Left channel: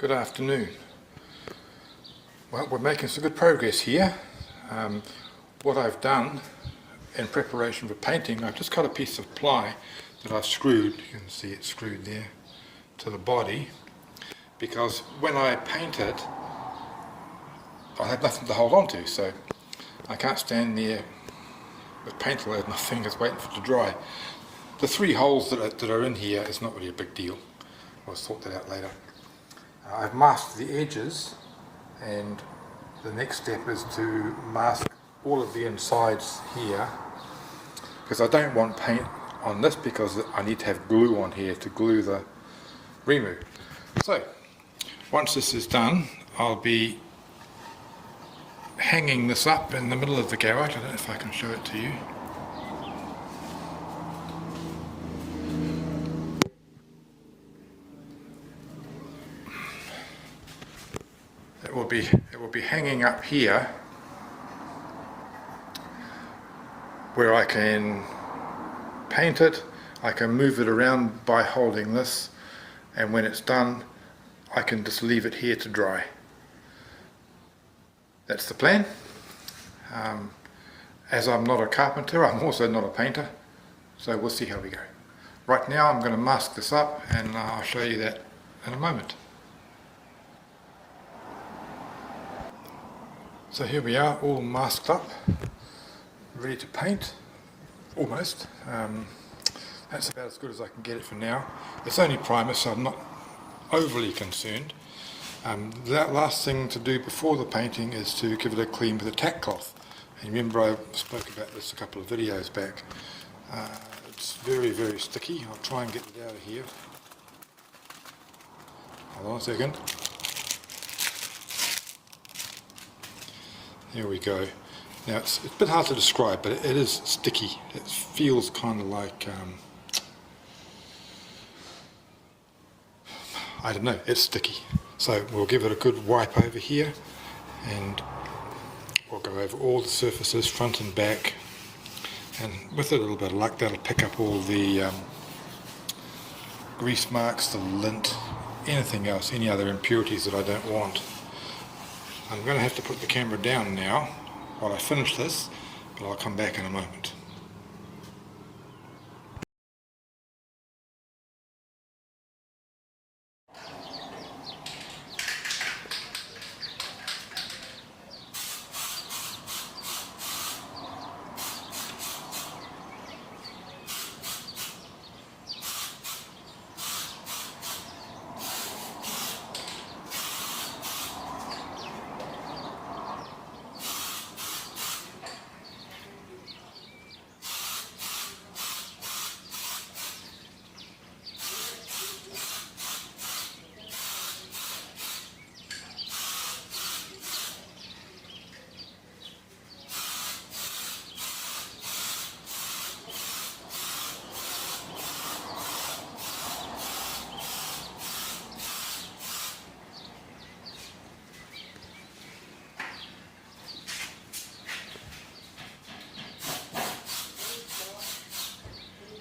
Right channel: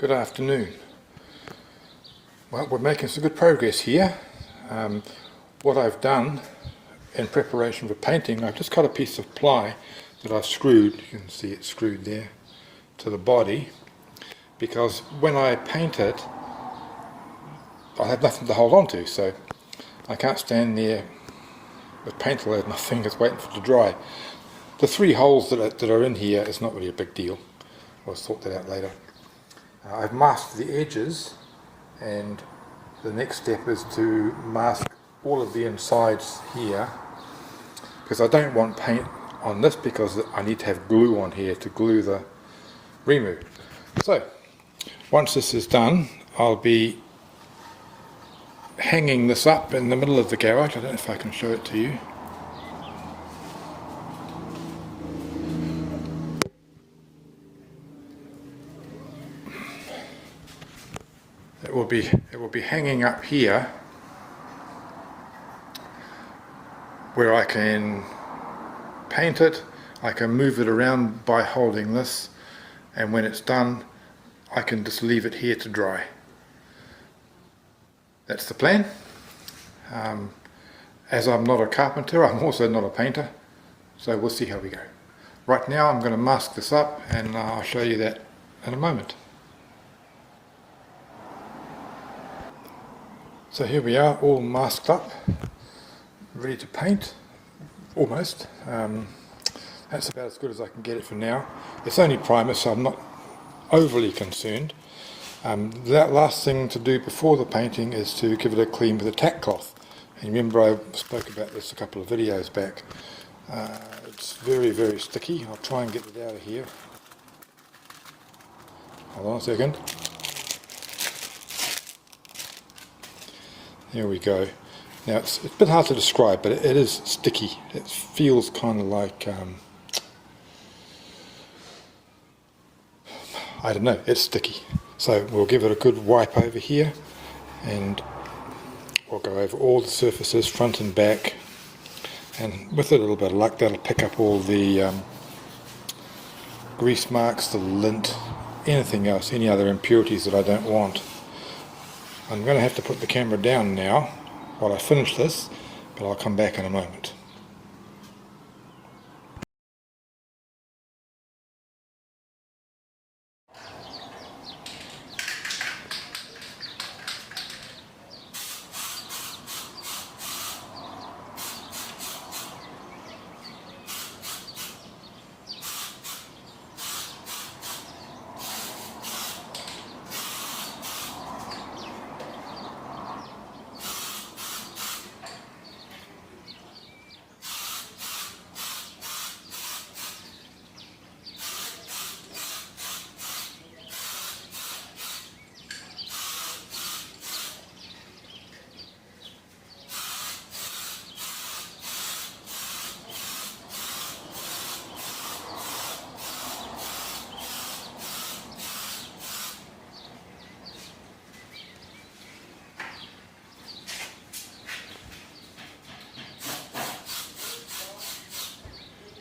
Good afternoon. Well, we're making some good progress here. What I've done in preparation for painting, I've just cut a piece of ply that I've screwed, you can see it screwed there, to the body, because when I paint it, I have nothing to hold on to, so I can't stand there with paint all over my fingers waiting for it to dry. The three holes that are in here is not really a big deal. I'll sort that out later. I've masked the edges, and the next step is to mask all of the insides here, because I don't want paint on this because I need to have glue on here to glue the remove. So once this is done, I'll be hanging this up in the middle of the garage. I don't know if I can show it to you. It will be hanging up here, where I can paint it. I can move it around by holding this, and when it's done I can just leave it here to dry. That's the plan. As I'm not a carpenter, I'm also not a painter, so we'll see how we go. Right now I'm going to mask this up, and I'll show you that in a moment. So here we are, all masked up, ready to paint, almost. That's about as good as I can get it for now. It's only primer, so I'm not overly concerned. That last thing to do before the painting is to give it a clean with a tack cloth. And remember, I spoke about this a couple of videos back. It's very, very sticky. I'll try and get it out of here. Hold on a second. Here we go. Now it's a bit hard to describe, but it is sticky. It feels kind of like, I don't know, it's sticky. So we'll give it a good wipe over here, and we'll go over all the surfaces, front and back, and with a little bit of luck that'll pick up all the grease marks, the lint, anything else, any other impurities that I don't want. I'm going to have to put the camera down now while I finish this, but I'll come back in a moment.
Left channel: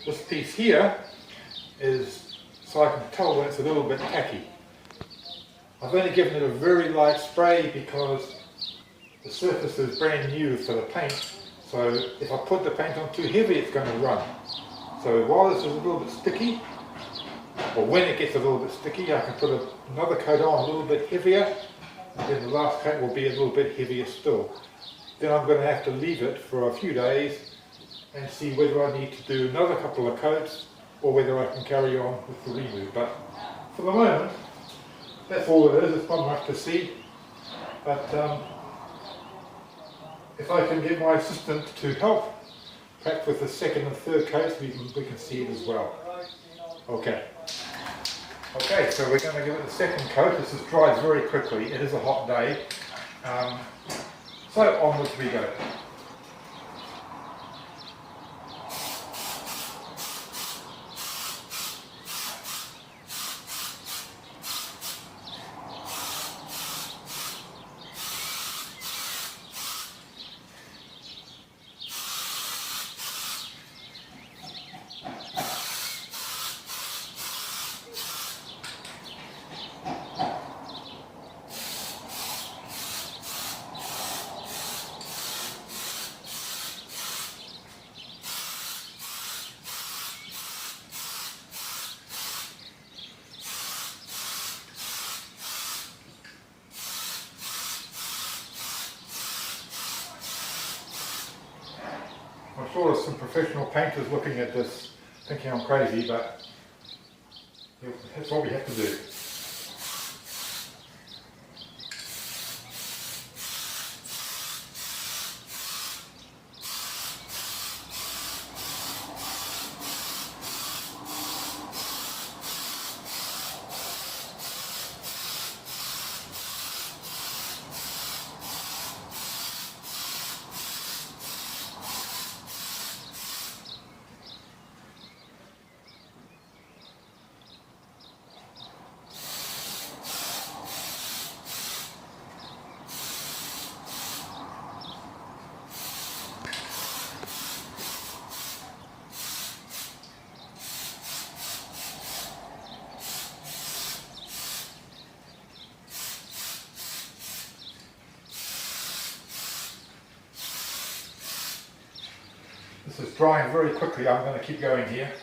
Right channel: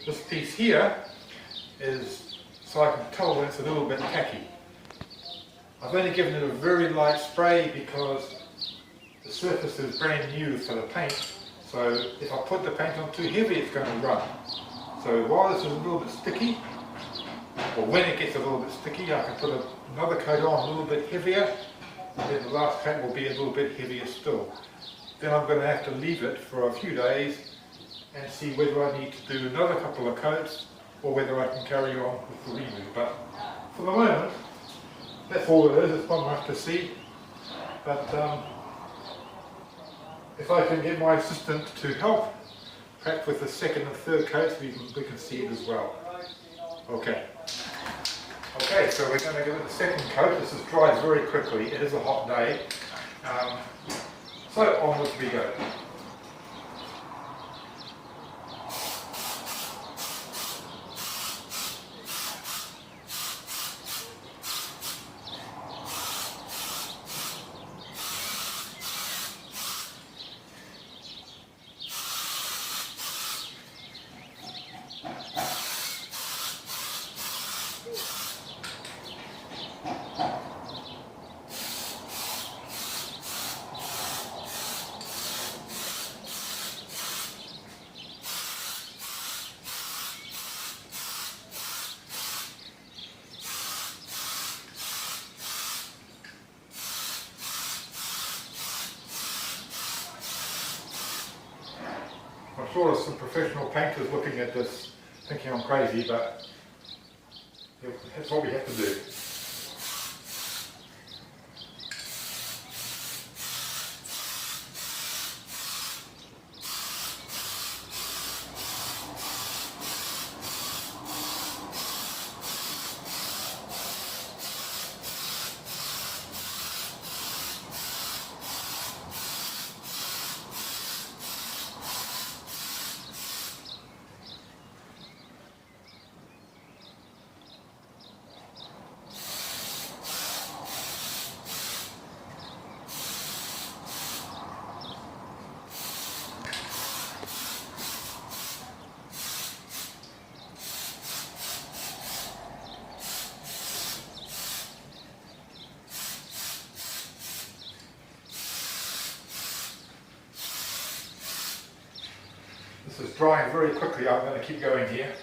This piece here is so I can tell when it's a little bit tacky. I've only given it a very light spray because the surface is brand new for the paint, so if I put the paint on too heavy it's going to run. So while this is a little bit sticky, or when it gets a little bit sticky, I can put another coat on a little bit heavier, and then the last coat will be a little bit heavier still. Then I'm going to have to leave it for a few days and see whether I need to do another couple of coats or whether I can carry on with the remove. But for the moment, that's all it is. It's not much to see. But if I can get my assistant to help, perhaps with the second and third coats, we can see it as well. Okay. Okay, so we're going to give it a second coat. This is dried very quickly. It is a hot day. So onwards we go. sure there's some professional painters looking at this thinking I'm crazy, but that's what we have to do. This is drying very quickly. I'm going to keep going here.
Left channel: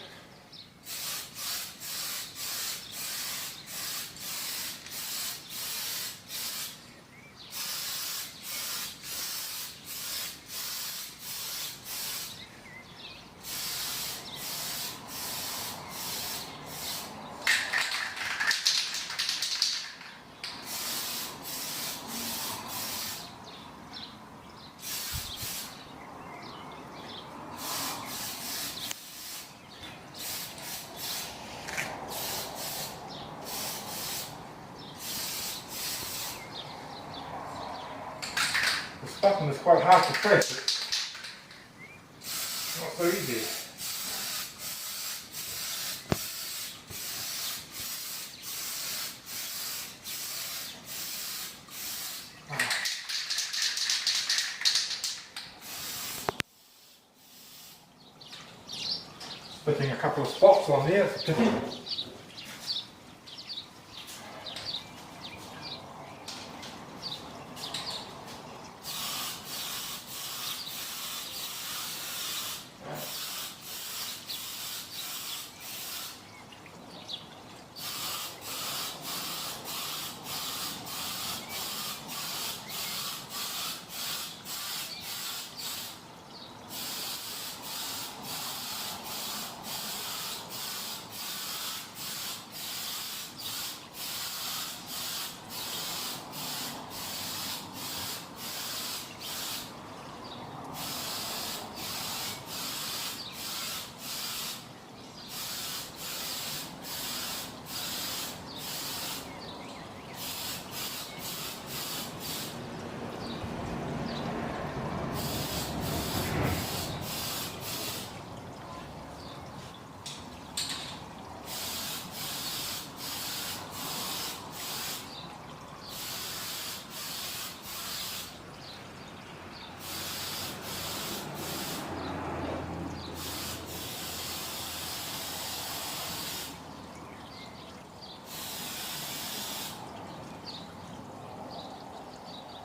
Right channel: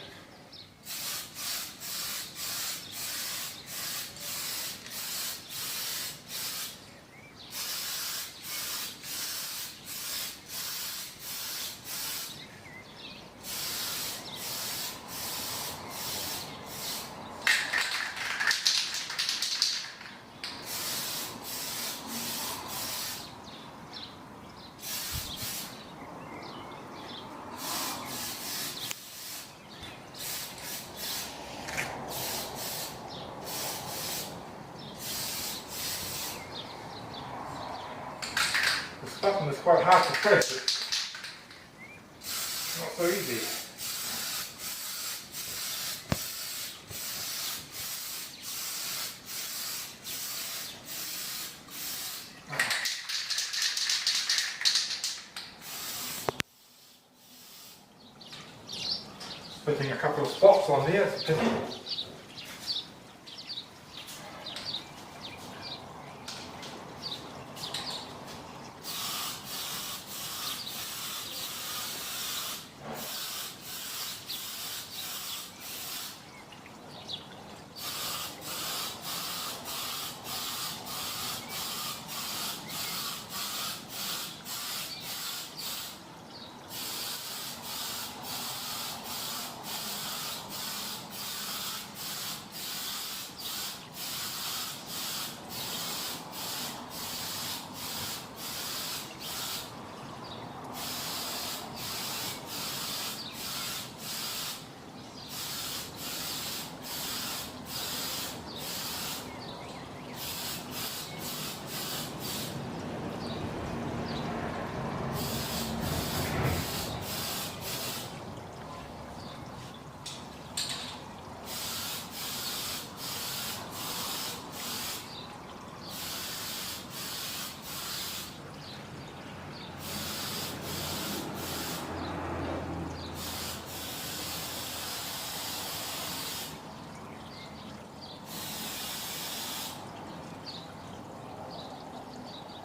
This button is quite hard to press. It's not so easy. Putting a couple of spots on there.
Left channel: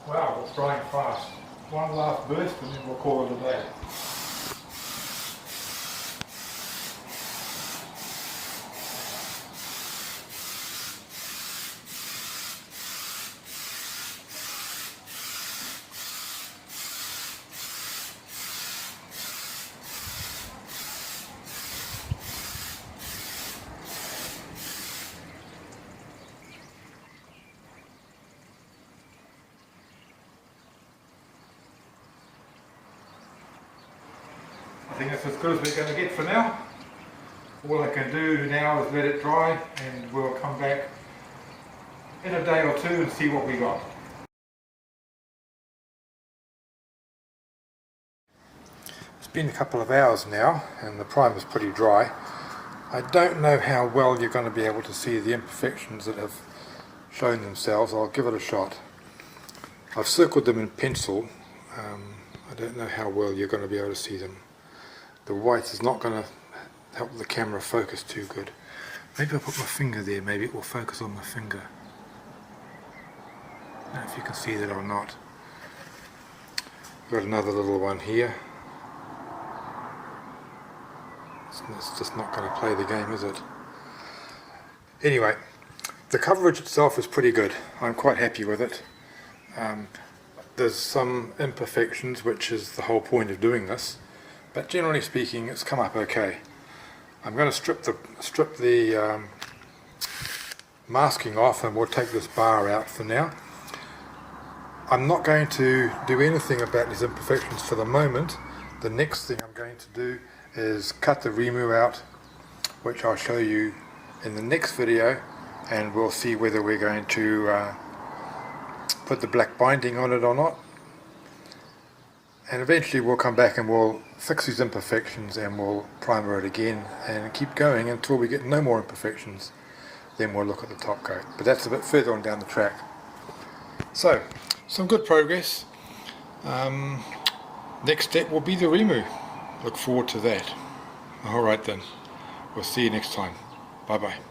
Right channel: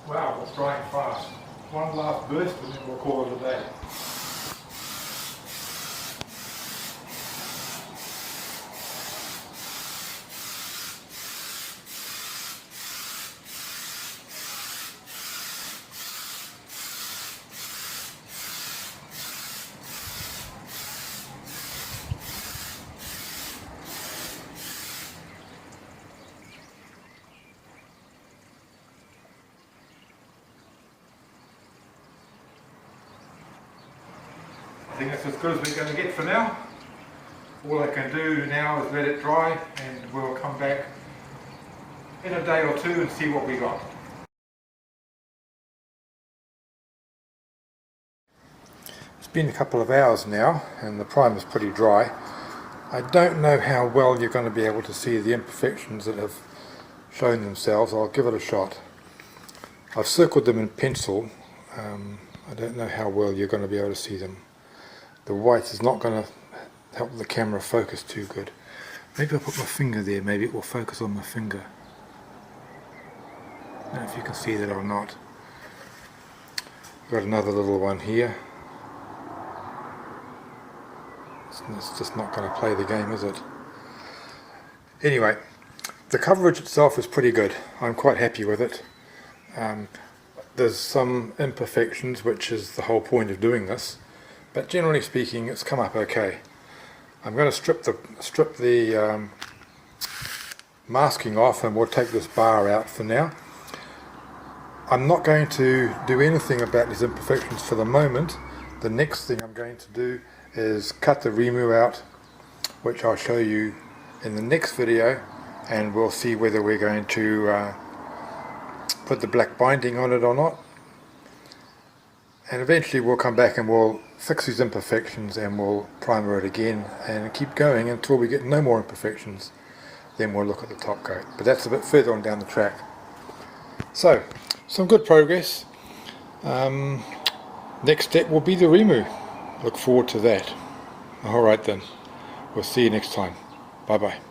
Wow, it's drying fast. One last burst and then we'll call it a day. I think that's as good as we're going to get for now. All I can do now is let it dry and we'll come back in a day or two and see what we got. It's been a couple of hours now and the primer's pretty dry. I don't know how well you're going to be able to see the imperfections that have shown themselves. I'll give it a shot. I've circled them in pencil. I don't know how well you're going to be able to see them. The white is not going to help the camera focus too good. Maybe I'll put my finger there, maybe it will focus on my finger. I don't know if you can see that or not. Got another little one here. It's just not going to play the game, is it? Anyway, the coverage itself is pretty good. I'm quite happy with it. There's some imperfections, which is the whole point of doing this. but generally speaking it's come up okay. I'm going to strip the masking off, and we'll take this bar out for now. I'm not going to do anything about these imperfections for the moment. The next thing I'm going to do is cut the Remu out, which I'll show you in the next video, and we'll see whether we're going to put the black binding on it or not. And eventually we'll come back and we'll fix these imperfections and we'll primer it again and keep going until we get no more imperfections. Then we'll look at the top coat, but that's a bit further on down the track. So, some good progress. Next step will be the Remu. Look forward to that. Alright then, we'll see you next time. Bye bye.